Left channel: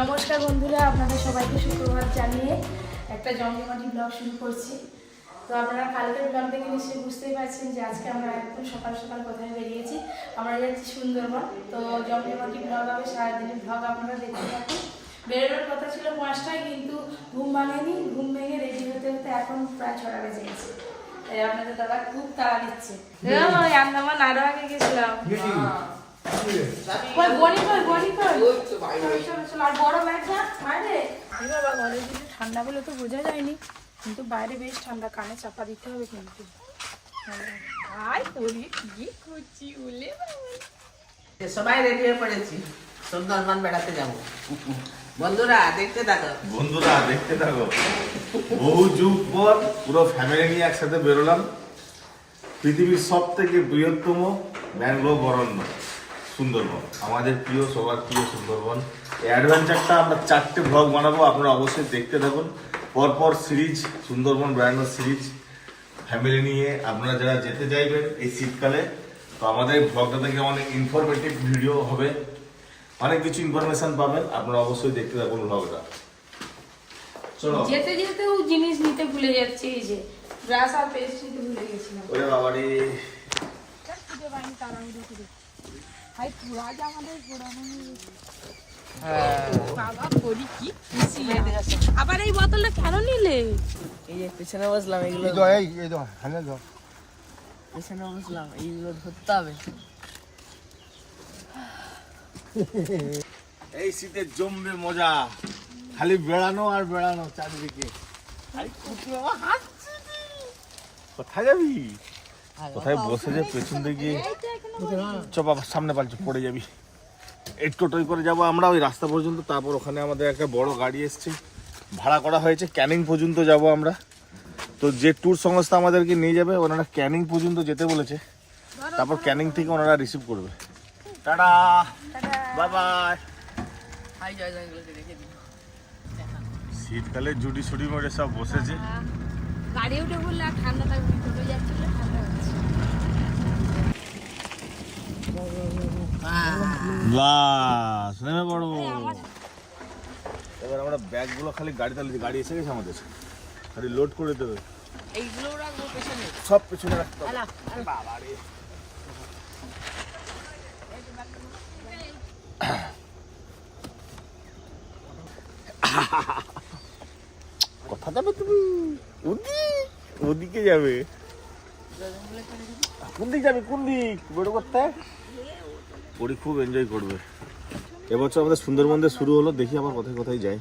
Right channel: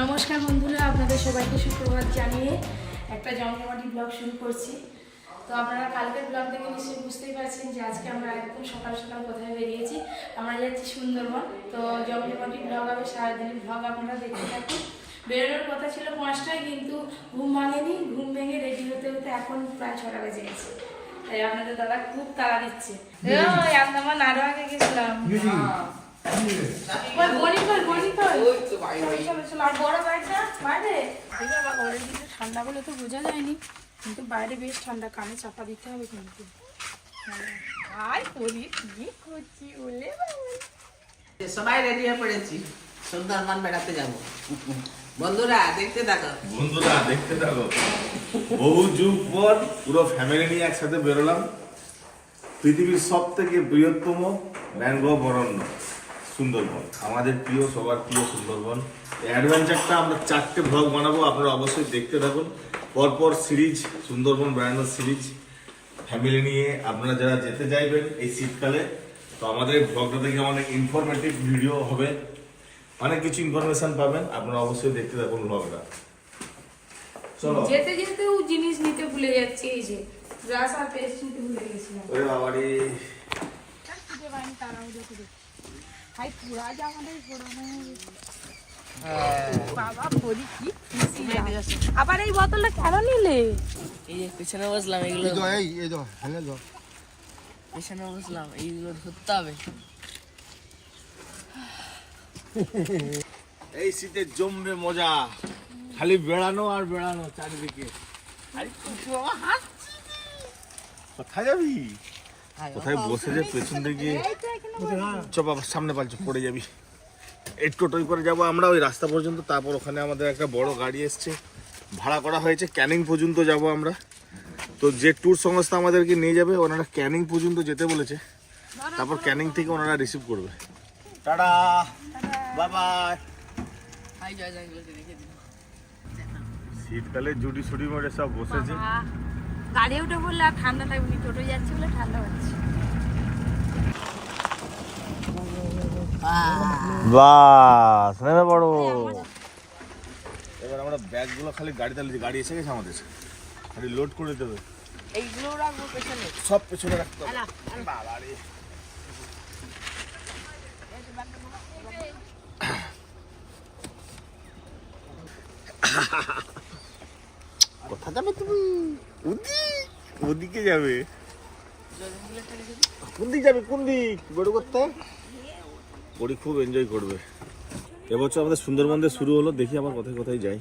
নমস্কার বন্ধুরা আপনাদের সবাইকে সুপ্রভাত জানিয়ে একটা জমজমাটি ব্লগ শুরু করছি। তো আপনারা কালকের ব্লগ দেখে নিশ্চয়ই বুঝতেই পারছেন যে আজকে আমরা একদম সকাল সকাল কোথায় বেরিয়েছি। আমরা যাচ্ছি সুন্দরবন। তো জমজমাটি ব্লগ হবে সারাদিনের ব্লগ আপনারা দেখতে থাকুন। বেরোনোর কথা ছিল পাঁচটায় কিন্তু ঘুম ভাঙেনি। ঘুম ভেঙে রেডি হতে হতে এখন প্রায় ছটা বেজে গেছে। তাই আপনাদের দাদা খুব তাড়া দিচ্ছে। আমরা নাড়ু আগে গেছিলাম। ঠান্ডা বলে তো বোঝা যায়নি কিন্তু বাইরে বেশ ঠান্ডা কানে চাপা দিতে হবে কিন্তু। আয় তোরি করছি বলে সবাই রেডি হয়ে পড়েছি। সুন্দরবন বেড়াতে যাব। বন্ধুরা দেখতে থাকো। বন্ধুরা দেখতে থাকো। বহু যুগ পর পুরো ফ্যামিলি নিয়ে একসাথে বেরোলাম। পৃথিবীর সব থেকে বৃহত্তম ম্যানগ্রোভ অরণ্য। সুন্দরবন। আমাদের প্রিয় সবার প্রিয় সুন্দরবন। এই অ্যাডভেঞ্চারটা আমরা চারটে ভ্লগ বানাবো আপনারা অবশ্যই দেখতে থাকুন। পরপর সিরিজ সুন্দরবন বেড়ানোর সিরিজ ফ্যামিলি নিয়ে। আপনারা যারা যেতে চাইবেন এই শীতকালে তো আমাদের ভ্লগটা থেকে অনেক ইনফরমেটিভ ভিডিও হবে। অনেক কিছু ইনফরমেশন পাবেন আপনারা অবশ্যই দেখতে থাকুন ভ্লগটা চলো। যেতে যেতেও জিনিস নিতে ভুলে যাচ্ছে এই যে ব্রাশ আর পেস্ট নিতে ভুলে গেছিলাম। ওরে বাবারে। আবার এই বোতলটা কেন নিলে? এই যে পেছনে বসলাম এগুলো এই তো, এই এই তো হ্যালো তো পেছনে বসলাম এইগুলো ধরতে হবে। এই শীতে জমবে মজা। খালি বেড়ানো আর বেড়ানো চারিদিকে। কোথায় যাবি? কোথায় বসে যে পেছন দিকে চ বাবা সামনে পালছে পড়ে যাবি। এই টোটোই করে যাব আমরা ওই রাস্তা পর্যন্ত তারপর ওখানে আমাদের একটা বড় গাড়ি এসছে। ভাড়া করা হয়েছে ক্যানিং পর্যন্ত যাব আমরা। তো যে ট্যুর সংস্থা আমাদেরকে নিয়ে যাবে ওনারা ক্যানিং পর্যন্ত যেতে বলেছে। তারপর ক্যানিং থেকে ওনারা রিসিভ করবে। টাটা! বাই বাই হাই জয় জয়গুলোকে শীতকালে জুডি সুডি মরে সব বসেছে। গাড়ি উঠে বললে আর ঠান্ডাটা ঠান্ডা বাস নেমে পড়ো এবার আমরা ব্যাগগুলো খালি গাড়িতে গাড়ি এসে গেছে আমাদের খালি লোড করে দেবে সব পেছনে রাখতে হবে। কোথা যাবে তুমি? ওদিক ওদিকে যাবে। কোন দিক যাবে? কোন দিক? বেরো করতে? পরি খুব এনজয় করবে। এবছর আমাদের সুন্দরবন শুরু হলো দেখি আবার কোথায় কোথায় যাই।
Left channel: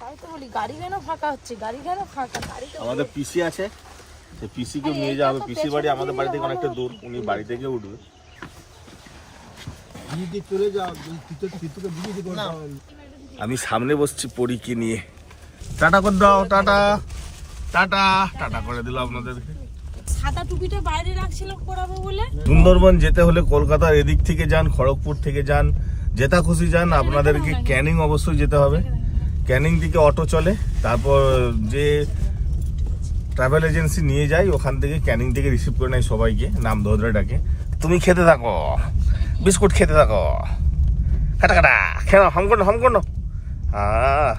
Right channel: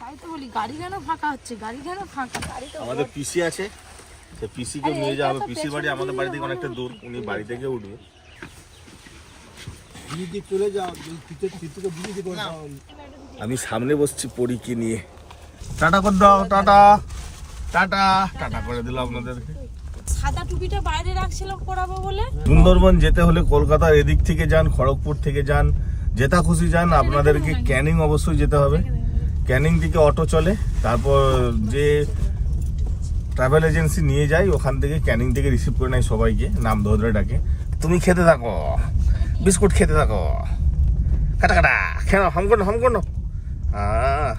তাই তো বলি গাড়ি কেন ফাঁকা হচ্ছে? গাড়ি কেন ফাঁকা? গাড়ি তো আমাদের পিসি আছে তো পিসিকে নিয়ে যাওয়া হবে পিসির বাড়ি আমাদের বাড়ি থেকে অনেকটা দূর উনি বাড়ি থেকে উঠবে। চলে যাও আমি সামনে বসছি পরীকে নিয়ে। টাটা করে দাও টাটা। টাটা টাটা করে দিলাম আপনাদেরকে। সাদা টুপিটা বাইরে রাখছিলাম পড়াবো বলে। সুন্দরবন যেতে হলে কলকাতার এদিক থেকে যান খড়গপুর থেকে যান যেটা খুশি যান আপনাদেরকে ক্যানিং অবশ্যই যেতে হবে। ক্যানিং থেকে অটো চলে তারপর যে ট্রাভেল এজেন্সি নিয়ে যায় ওখান থেকে ক্যানিং থেকে রিসিভ করে নেয় সবাইকে নাম ধরে ডাকে। তুমি খেতে থাকো বিস্কুট খেতে থাকো। কাটা কাটা খেলো হাম করো হাম করো আহ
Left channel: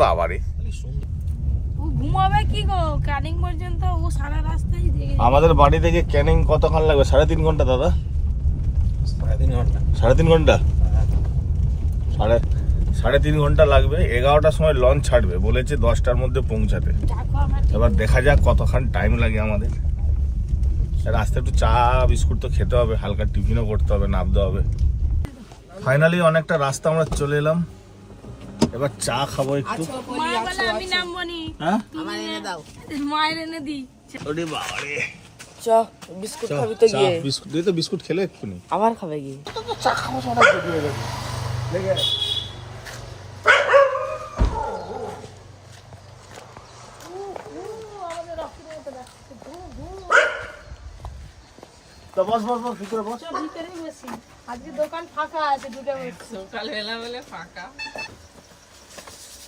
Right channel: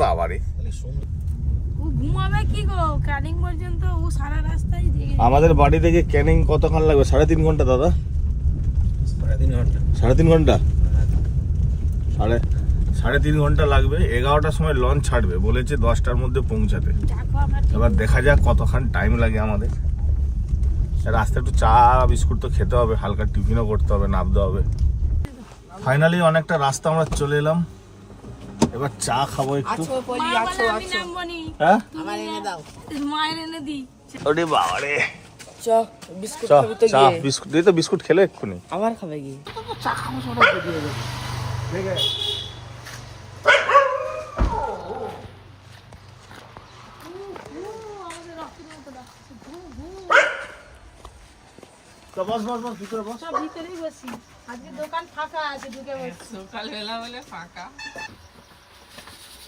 বাবারে। ও ঘুমাবে কি গো? ক্যানিং পর্যন্ত ও সারা রাস্তায় জেগে আমাদের বাড়ি থেকে ক্যানিং কতক্ষণ লাগবে? সাড়ে তিন ঘণ্টা দাদা? সাড়ে তিন ঘণ্টা। সাড়ে তিন ঘণ্টা? সাড়ে সাড়ে তিন ঘণ্টা লাগবে। এগারোটার সময় লঞ্চ ছাড়বে। বলেছে দশটার মধ্যে পৌঁছাতে। এবার দেখা যাক কতক্ষণ টাইম লাগে আমাদের। রাস্তায় একটু চা বিস্কুট তো খেতে হবে। হালকা টিফিনও করতে হবে নামতে হবে। ফাইনালি অনেকটা রাস্তা আমরা চলে এলাম। এবার চা খাব একটু। আছো বলি মা আছো বলে আমি আছো। নামবো নি হ্যাঁ ওরে বিস্কুট খাবি তো গিয়ে। বিস্কুট তো বিস্কুট খেলে এক্ষুনি। আবার খাবে গিয়ে। তো বস বস বস ভিতরে বস। ভিতরেই বসি। আজকে দোকান ফাঁকা আছে ঢুকে বসছি। সকালবেলা বলে ফাঁকা।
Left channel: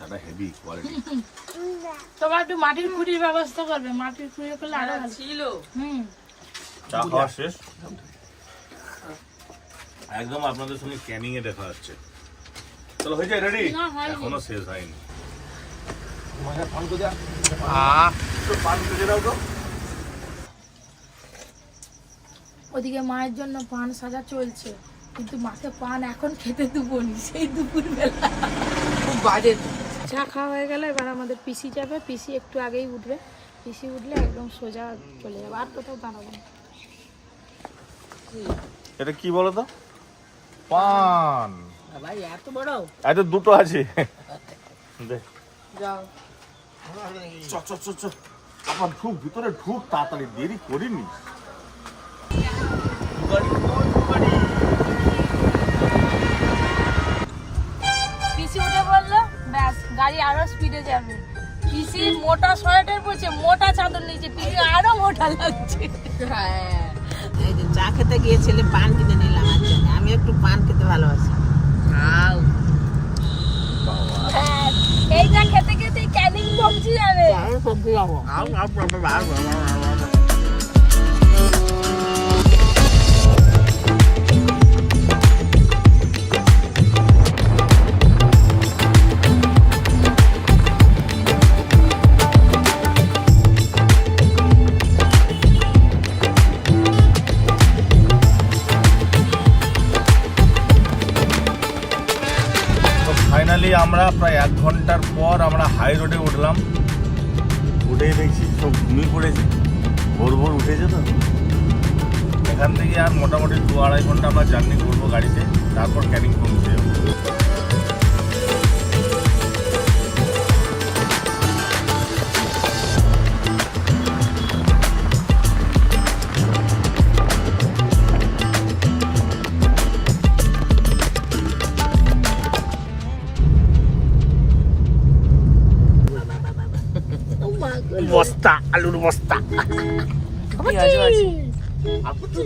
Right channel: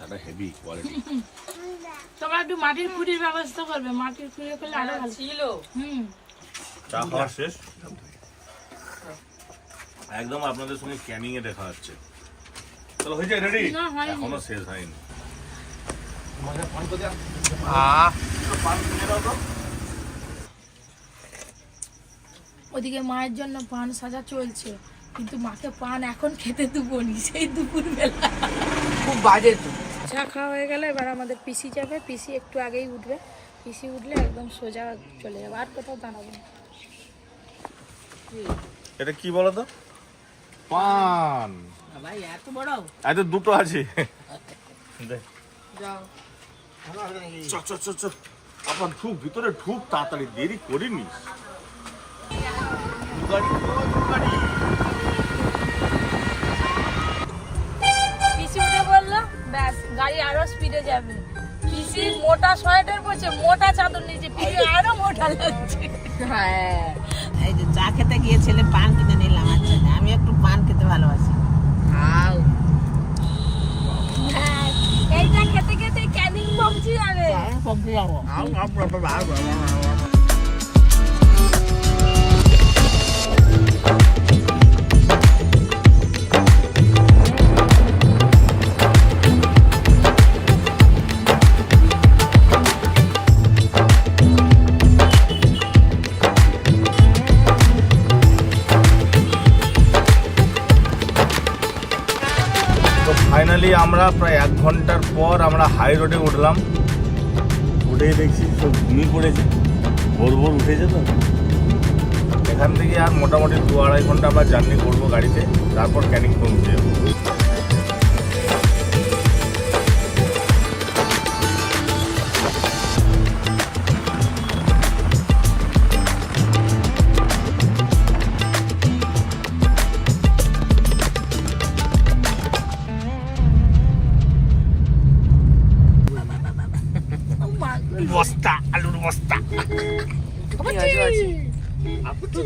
চাটা হেভি কোয়ালিটি তোমার একটু মাটির খুঁড়ির ব্যবস্থা করবে মাটির খুঁড়ি করলে আরও ভালো। ছিল। হুম। চা খাওয়া শেষ? একদম আপনাদের সঙ্গে ক্যানিং এ দেখা হচ্ছে। চলো হয়ে যায় রেডি হয়নি। এখনও শেষ হয়নি। ওদিকে মায়ের জন্য পান সাজা চলছে কিন্তু মাকে পান এখন খেতে দুপুনি সেই দুপুর বেলা খুব বাজে তো। চা খাওয়া হয়ে গেলে এবার আমাদের পিসি যাবে। পিসি একটু আগেই উঠবে। পিসি উঠলে একদম সোজা চলে যাবে। আর কোথাও দাঁড়াবো না। এটা কি বলো তো? পান। ভাই এত বড়? আচ্ছা দুটো আছে। যাও। চ চ চ চ। আবার ঢুক ভিতরে ঢুক তাড়াতাড়ি দেরি করিনি। বলল ব্যাস গাড়ি আরও স্পিডে যাবে। পিসি মোটা সোয়েটার পরছে মোটা চাদর নিচে পিসি আরও মোটা লাগছে। হ্যাঁ এই যে চা খেতে গিয়েছিলে পান কিনে নিলাম জন্য। আমি একটু পান খেতে ভালোবাসি। এইটা খেতে খেতে ক্যানিং পৌঁছে যাবে। তো হাই রোডে উঠলাম। উঠেই দেখছি সব ঘুমিয়ে পড়েছে। ভোর ভোর উঠেছে তো। এখান থেকে আর মোটামুটি দু আড়াই ঘণ্টা আমরা জার্নি করব গাড়িতে, তারপর ক্যানিং পৌঁছে যাব।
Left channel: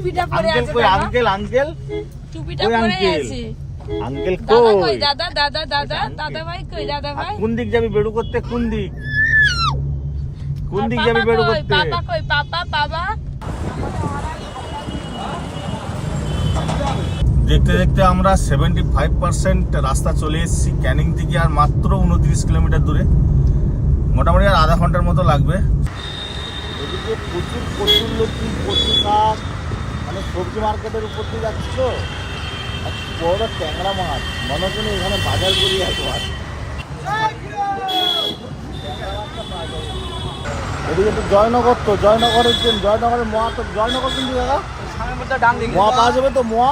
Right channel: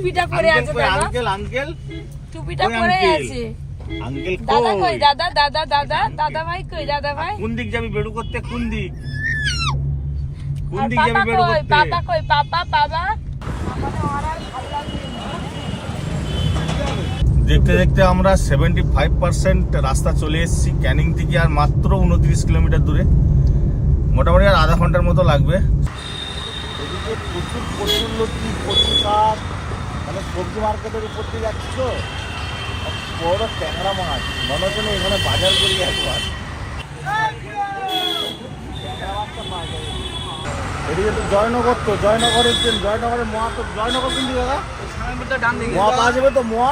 টুপিটা পরে আছে আঙ্কেল আঙ্কেল? টুপিটা পরে আছে। আঙ্কেল দাদা কই? দাদা দাদা দাদা দাদা ভাই কই? দাদা ভাই? কোন দিক যাবি বেড়ু করতে? কোন দিক? কোন দিক যাবি বেড়ু করতে? পাপা কই? পাপা বাবা দেখতে দেখতে আমরা সেভেন্টি ফাইভ পার্সেন্ট রাস্তা চলে এসেছি। ক্যানিং থেকে আর মাত্র উনত্রিশ কিলোমিটার দূরে। মোটামুটি আর আধা ঘণ্টার মতো লাগবে। প্রচুর প্রচুর লতি কচু শাক মানে সবজি মার্কেটের উপর দিয়ে যাচ্ছ বড় ট্যাংরা মাছ। মনে হচ্ছে এখানে বাজার করি একবার। এদিকে তো জয়নগর তো জয়নগরের ট্রেন জয়নগরের মোয়া তো জয়নগর কিন্তু দাদা? মোয়া পাওয়া যাবে তো মোয়া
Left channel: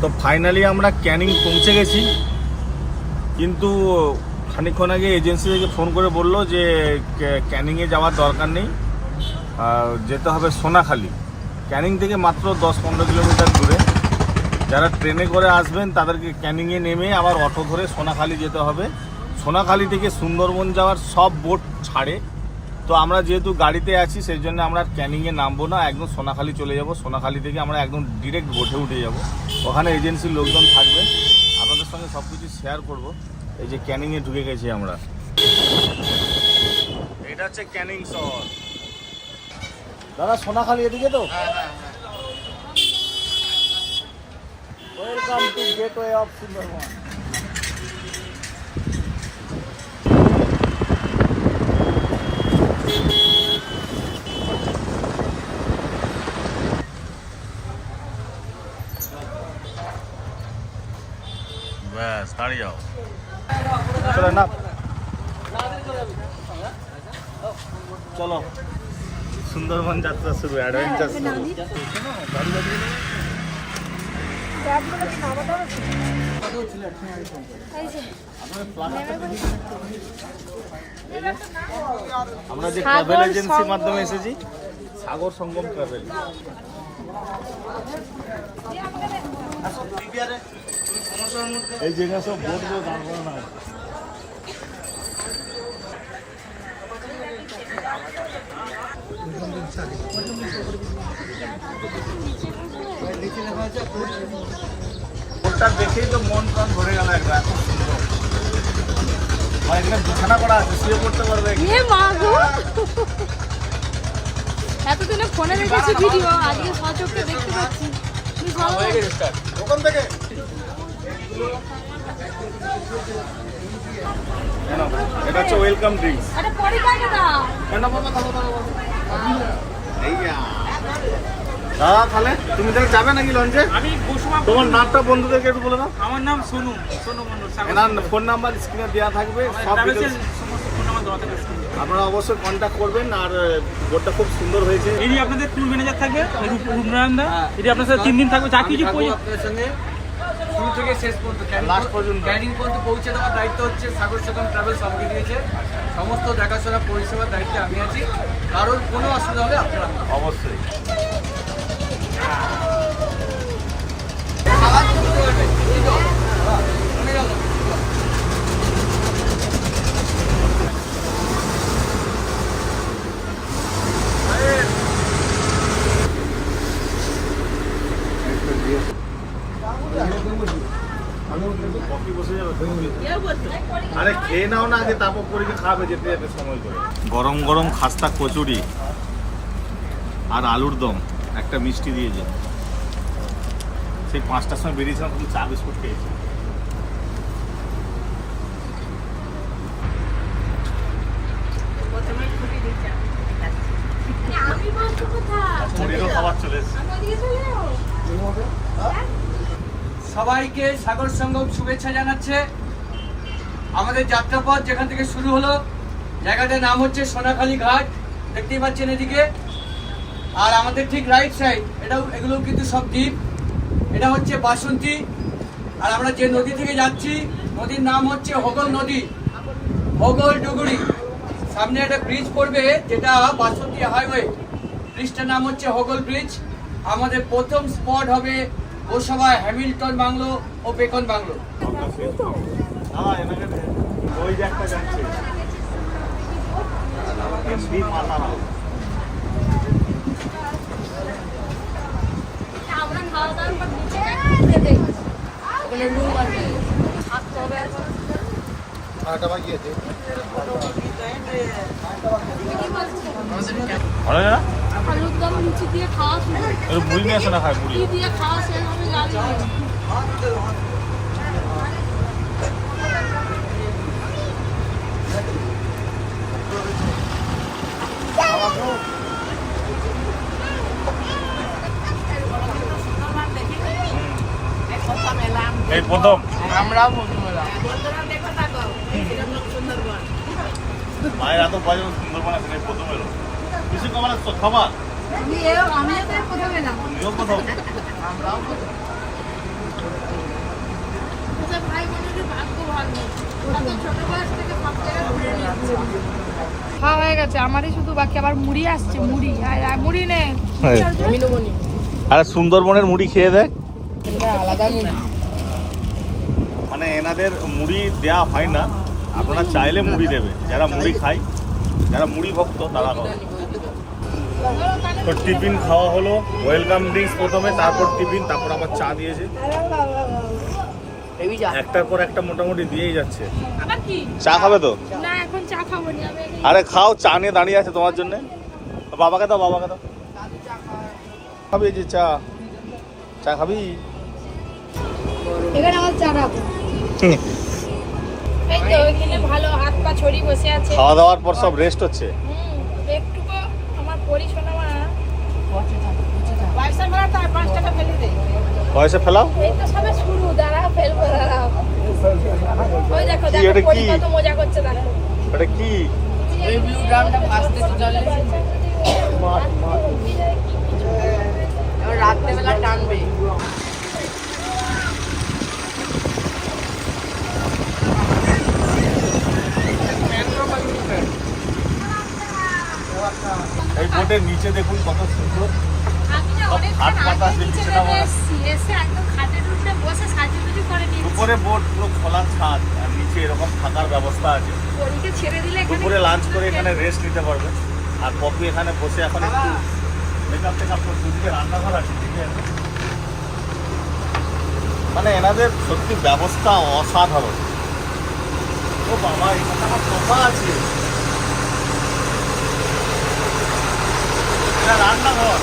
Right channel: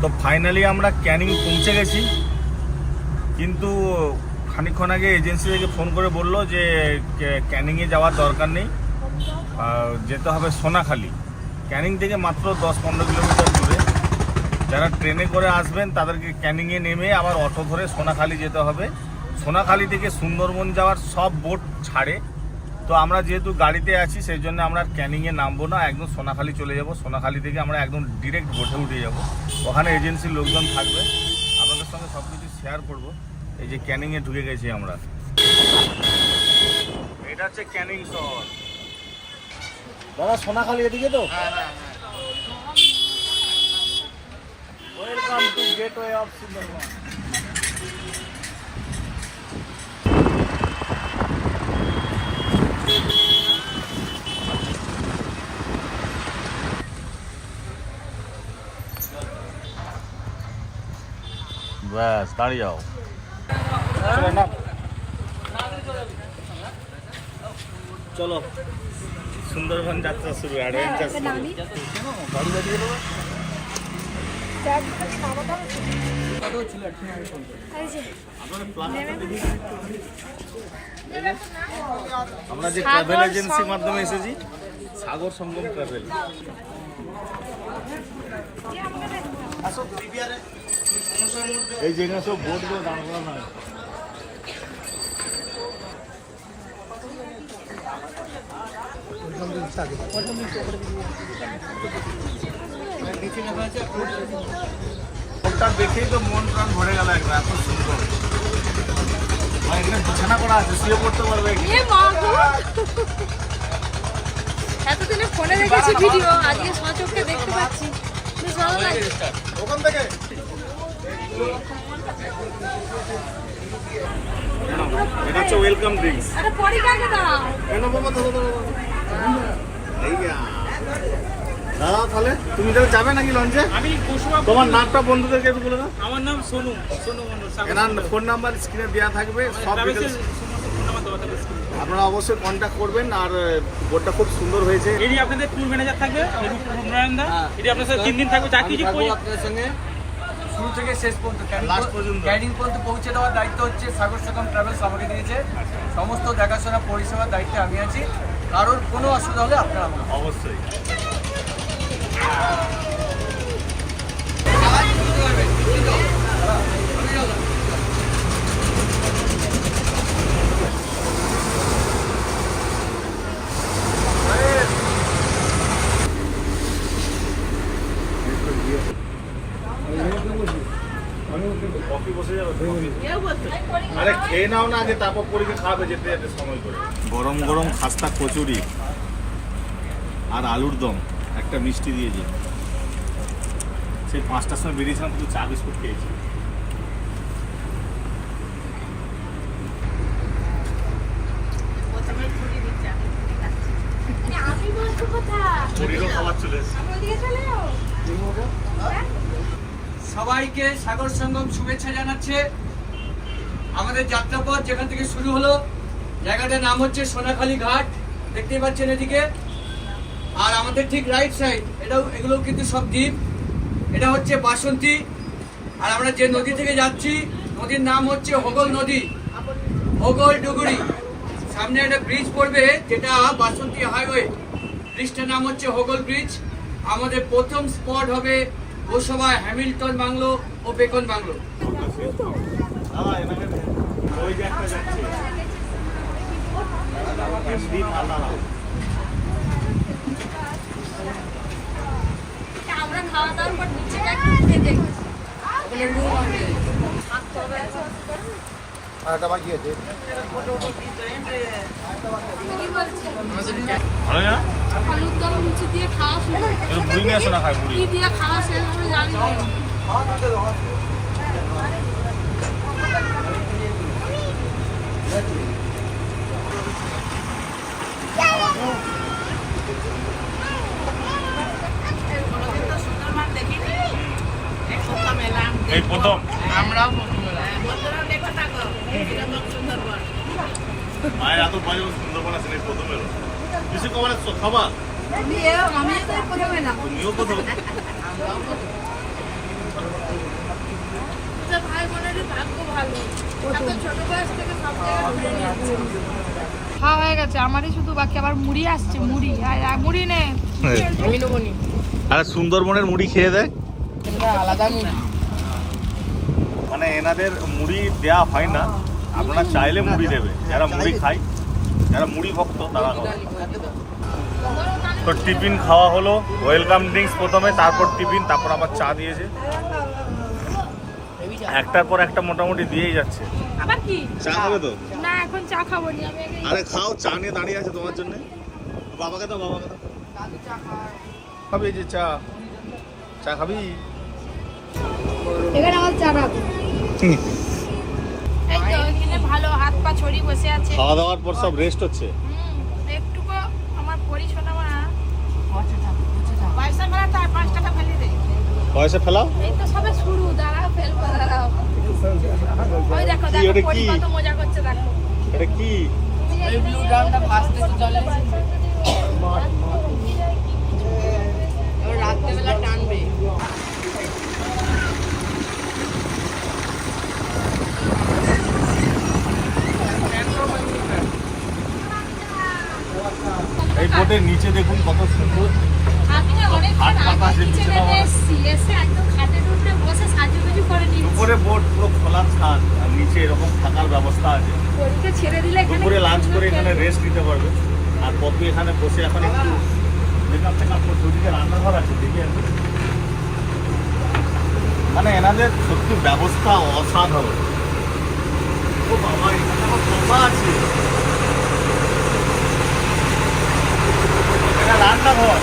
তো ফাইনালি আমরা ক্যানিং পৌঁছে গেছি। কিন্তু খানিকক্ষণ আগে এজেন্সি থেকে ফোন করে বলল যে ক্যানিংয়ে যাওয়ার দরকার নেই। যেতে হবে সোনাখালি। ক্যানিং থেকে মাত্র দশ পনেরো কিলোমিটার দূরে। যারা ট্রেনে করে আসবেন, তাদেরকে ক্যানিংয়ে নেমে আবার অটো ধরে সোনাখালি যেতে হবে। সোনাখালি থেকে সুন্দরবন যাওয়ার সব বোট ছাড়ে। তো আমরা যেহেতু গাড়িতে আছি সেই জন্য আমরা ক্যানিংয়ে নামবো না একদম সোনাখালি চলে যাব। সোনাখালি থেকে আমরা একদম ডিরেক্ট বোটে উঠে যাব। ওখানে এজেন্সির লোকজন থাকবে। আপনাদের সঙ্গে সব কিছু শেয়ার করব। এই যে ক্যানিংয়ে ঢুকে গেছি আমরা। এটা হচ্ছে ক্যানিং শহর। দাদা সোনাখালি এদিকে তো? Welcome to gateway of Sundarban ব্যাস দাঁড়িয়ে যাও চলো। না চলো সুন্দরবন যাত্রা শুরু অ্যাডভেঞ্চার শুরু। আমরা যে ট্রাভেল এজেন্সির মাধ্যমে এসেছি সাগর সঙ্গম ট্রাভেল এই জায়গায় সব বোটগুলো দাঁড় করানো আছে। ওটা দেখেই তো মন প্রাণ ভরে গেল একবার এত সুন্দর। এখানে বিছানা করা আছে শুয়ে পড়তে পারবে। এতদিনে ফোনে দেখেছি ভিডিও আজকে সচক্ষে দেখতে পাচ্ছি। লাগছে। কেন? এটা হচ্ছে ওয়েলকাম ড্রিঙ্কস আরে পরে কাকে দাও? কেন বাবা থাকো থাকো থাকো। দাদা তাহলে তুমি তাহলে যাবে নাকি লঞ্চে তোমার নামটা বন্ধুদেরকে একটু বলে দাও। আমার নাম সোনু সোনু মন্ডল এনার ফোন নাম্বার স্ক্রিনে দেওয়া থাকবে সব ডিটেলস আপনারা অবশ্যই কন্ট্যাক্ট করবেন আর বোর্ডটা খুব সুন্দর হয়েছে। এটি আপনাদের ট্যুর ম্যানেজার থাকবে এটি আপনাদের তিন দিন থাকবে চাকরি কিছু আপনাদের সঙ্গে। শুরু থেকে শেষ পর্যন্ত। ক্যারিং পর্যন্ত। পৌঁছে দেওয়ার দায়িত্ব হচ্ছে সাগর সেকম ট্রাভেলস আমাকে দিয়েছে। সমস্ত দেখাশোনা পরিষেবার দায়িত্বে আমি আছি। কারোর কোনো অসুবিধা হলে আপনারা অবশ্যই কফি বসে যাবে আরে খেয়ে নাও না আগে তারপর পরীক্ষা খাবে যেতে যেতে সময় করে। গরম গরম খাস্তা কচুরি আর আলুর দম একটা মিষ্টি দিয়েছে সেই পাঁচটার সময় বেরিয়েছিলাম তুই চা বিস্কুট খেয়েছি। চলে যাব সবাইকে সাগর সঙ্গম শুভেচ্ছা জানাচ্ছে। আমাদের যাত্রাপথ যেখান থেকে শুরু হলো, জায়গাটার নাম হচ্ছে সোনাখালী ঘাট, দেখতেই পাচ্ছেন এদিকে। আর আমাদের ঠিক রাইট সাইড এটাও এগুলো কিন্তু সব দ্বীপ। এটা হচ্ছে বাসন্তী। আর আমরা যে নদী থেকে যাচ্ছি, নদীর নাম হচ্ছে হোগল নদী। হোগল ডুগুরি। সামনে একটা ব্রিজ পড়বে, যেটা বাসন্তী হাইওয়ে ব্রিজটার নাম হচ্ছে হোগল ব্রিজ আমাদের প্রথম স্পট হবে গোসাবা হ্যামিল্টন, বাংলো ও বেকন, বাংলো। দাদা এনাকে দে। ওই যে একটা যাচ্ছে। এমডি মাতারা আমরা খাওয়া দাওয়ার পর ওখানে রুম আছে? থাকতে হবে আছে। ভালো না আলুর দম নিচে দিয়ে খাওয়া শুরু। দিয়ে খাওয়া শেষ হবে জানি এই প্রথম মায়ের এত ভয় সুন্দরবন আছে এই প্রথম এলো কিছু তোমার খাবার আমিও তো প্রথমে না। তুমিও প্রথম আচ্ছা ভাই বোনের ভাগ্য ভালো। ছোট বয়স থেকে সব জায়গায় ঘুরে নিচ্ছে খাওয়া হয়ে গেছে। আমারই শুধু বাকি আবার মুড়ি আসছে মুড়ি। আর আর মুড়ি নে। আরে সুন্দরবনের মুড়ি খেয়ে দেখ। মানে এনাদের মুড়ি দেয়া হয় না। আপনারা চাইলে মুড়ি দেবে। যারা মুড়ি খায় যারা মুড়ি ভক্ত তারা খাবে। তো টিফিন খাওয়া হলো। ওয়েলকাম ড্রিঙ্কস প্রথমে তারপর টিফিন তারপর আবার চা দিয়েছে। একটার পর একটা মোটামুটি দিয়েই যাচ্ছে। আবার কি? চা খাবে তো? না এখন চা খাব না। আরে খাও চা নিয়ে দাঁড়িয়ে আছে তোমার জন্য। বাবাকে দাও বাবাকে দাও। খাবি যে চা। চা খাবি? এখানে আমার চা রাখো এই তো ওইখানে ভালো হাত পা ছড়ি বসে আছে। খাওয়া দাওয়ার পর সব রেস্ট হচ্ছে। হুম একটুকু আমার পরি শোনা মা। পয়সা ফেলা তার পাঁচ টাকা ফেলে দেয় ফেলাও। এই তো সবে শুরু দাঁড়া ফেলব দাঁড়াও। ওই দেখো দেখো পরি কত মজা করছে দেখো। এটা কি? রাত্রেবেলা টানবে। এই বোটের নিচে দেখুন কত সুন্দর আমি যে কত অনেকক্ষণ হাত দিচ্ছে না উপরে বোর্ড পুরো খোলা ছাদ আর নিচে এরকম থাকার ব্যবস্থা আছে। দুপুরে লাঞ্চ করে এখানে রেস্ট নিতে পারবে। আর পপি এখানে বসে এখন একটু মেকআপ টেকআপ করছে ওদিকে রান্নাঘর আছে। মানে এনাদের সত্যি ব্যবস্থা অসাধারণ। ও বাবা এখানে আমার সোফা আছে এটা রান্নাঘর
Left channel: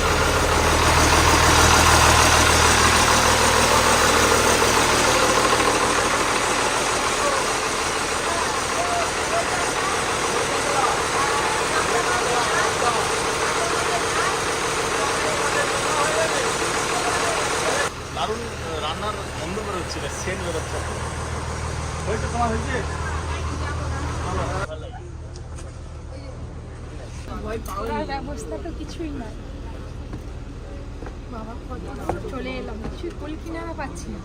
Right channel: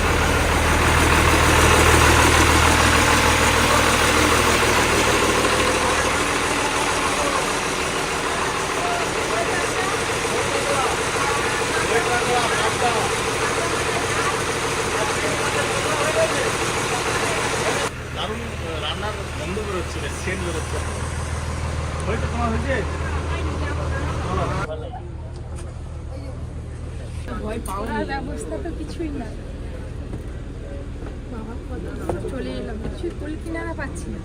দারুণ রান্নার বন্ধ বেরোচ্ছে সেন্ট বেরোচ্ছে হয়েছে তোমার হয়েছে করার ব্যবস্থা তো কিছুই নাই বাবা কত দূর চলে এলাম কিছুই কুল কিনারে পাচ্ছি। না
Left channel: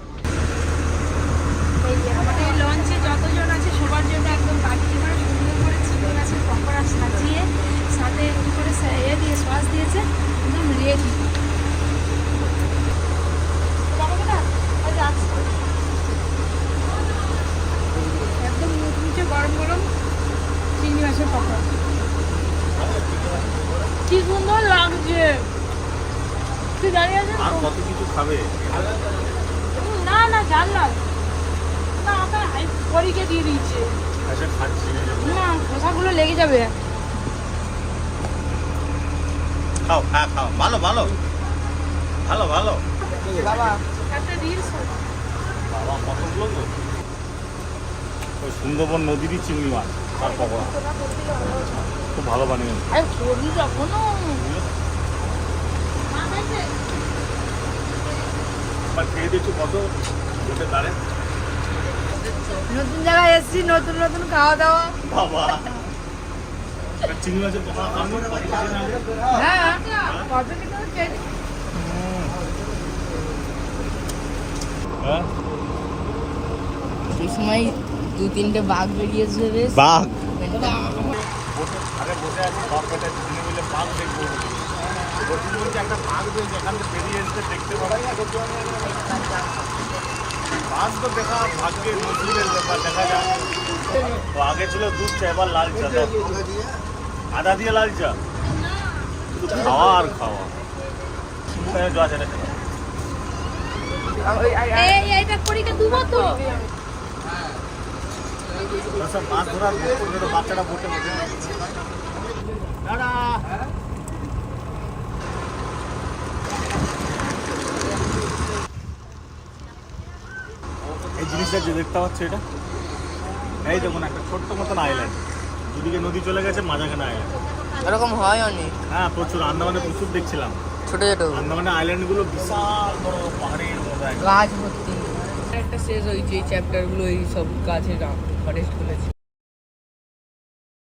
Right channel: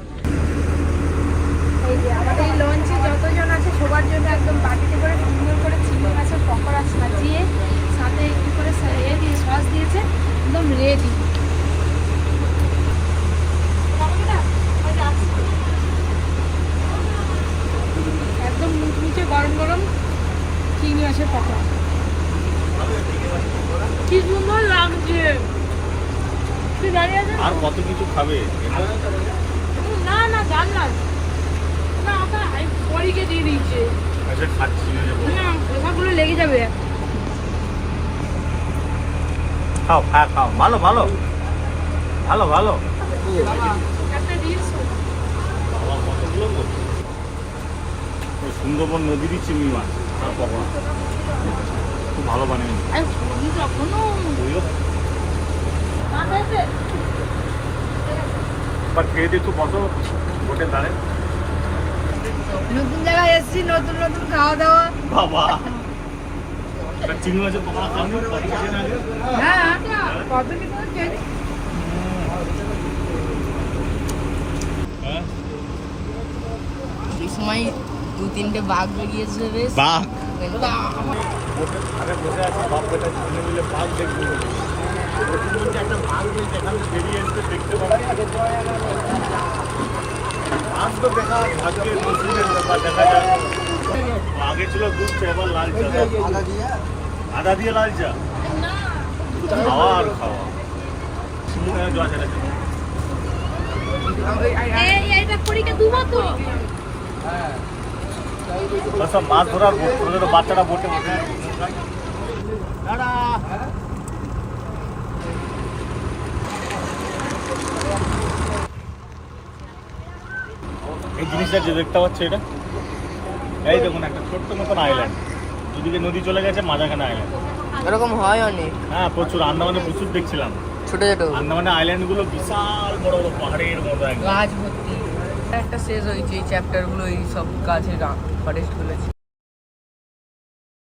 এই যে আমাদের এই লঞ্চে যতজন আছে, সবার জন্য একদম বাকিতে করে, সুন্দর করে চিংড়ি মাছের পকোড়া সাজিয়ে, সাথে কি করে ইয়ে দিয়ে, সস দিয়েছে, একদম রেডি একদম মুচমুচে গরম গরম চিংড়ি মাছের পকোড়া কি সুন্দর লাগছে তুই দাঁড়িয়ে আছিস? আর কত খাবে না না জান না। না আপনার পরীকে দিয়ে দিয়েছে। আচ্ছা খাচ্ছি না। খোসাগুলো লেগে যাবে। খাও হ্যাঁ খাও। ভালো ভালো। ভালো ভালো। সুন্দরবন নদীরই চিংড়ি মাছ তার পকোড়া খুব ভালো বানিয়ে বা খেয়ে গোটে দাঁড়ে নতুন জায়গায় এসেছি নতুন নতুন খাওয়া দাওয়া। বাবা চিংড়ি মাছের পকোড়া খাওনি কতদিন আগে? হ্যাঁ হ্যাঁ? এই সময় দু তিনটে বাঘ বেরিয়েছে বেশ। বাঘ? বসে আছে দেখব। একটা এসে দেখতে পারা বাঘ তো দেখা আগে ছিল দুধ এবার লাল চা আদা দিয়ে লাল চা খাওয়া আর খাওয়া মুখে মাছ ধরার বাচ্চারা বোটে বসে দাদা জিনিসটা যে দেখতে পাচ্ছ এটা? এই দেখুন একটা ছোট্ট মতন আইল্যান্ড দুদিকে নদী চলে গেছে মাঝাখানে আইল্যান্ড এরকম হয় অনেক। হ্যাঁ প্রচুর। আন্দামানে প্রচুর দেখছিলাম। ছোট ছোট। আন্দামানে আইল্যান্ডগুলো বিশাল বড় বড় পাহাড়ের মতো গাছ ভর্তি একটা শেষ হয়েছে এই চ্যাপ্টারগুলো এই সব গাছের ফরেস্টগুলো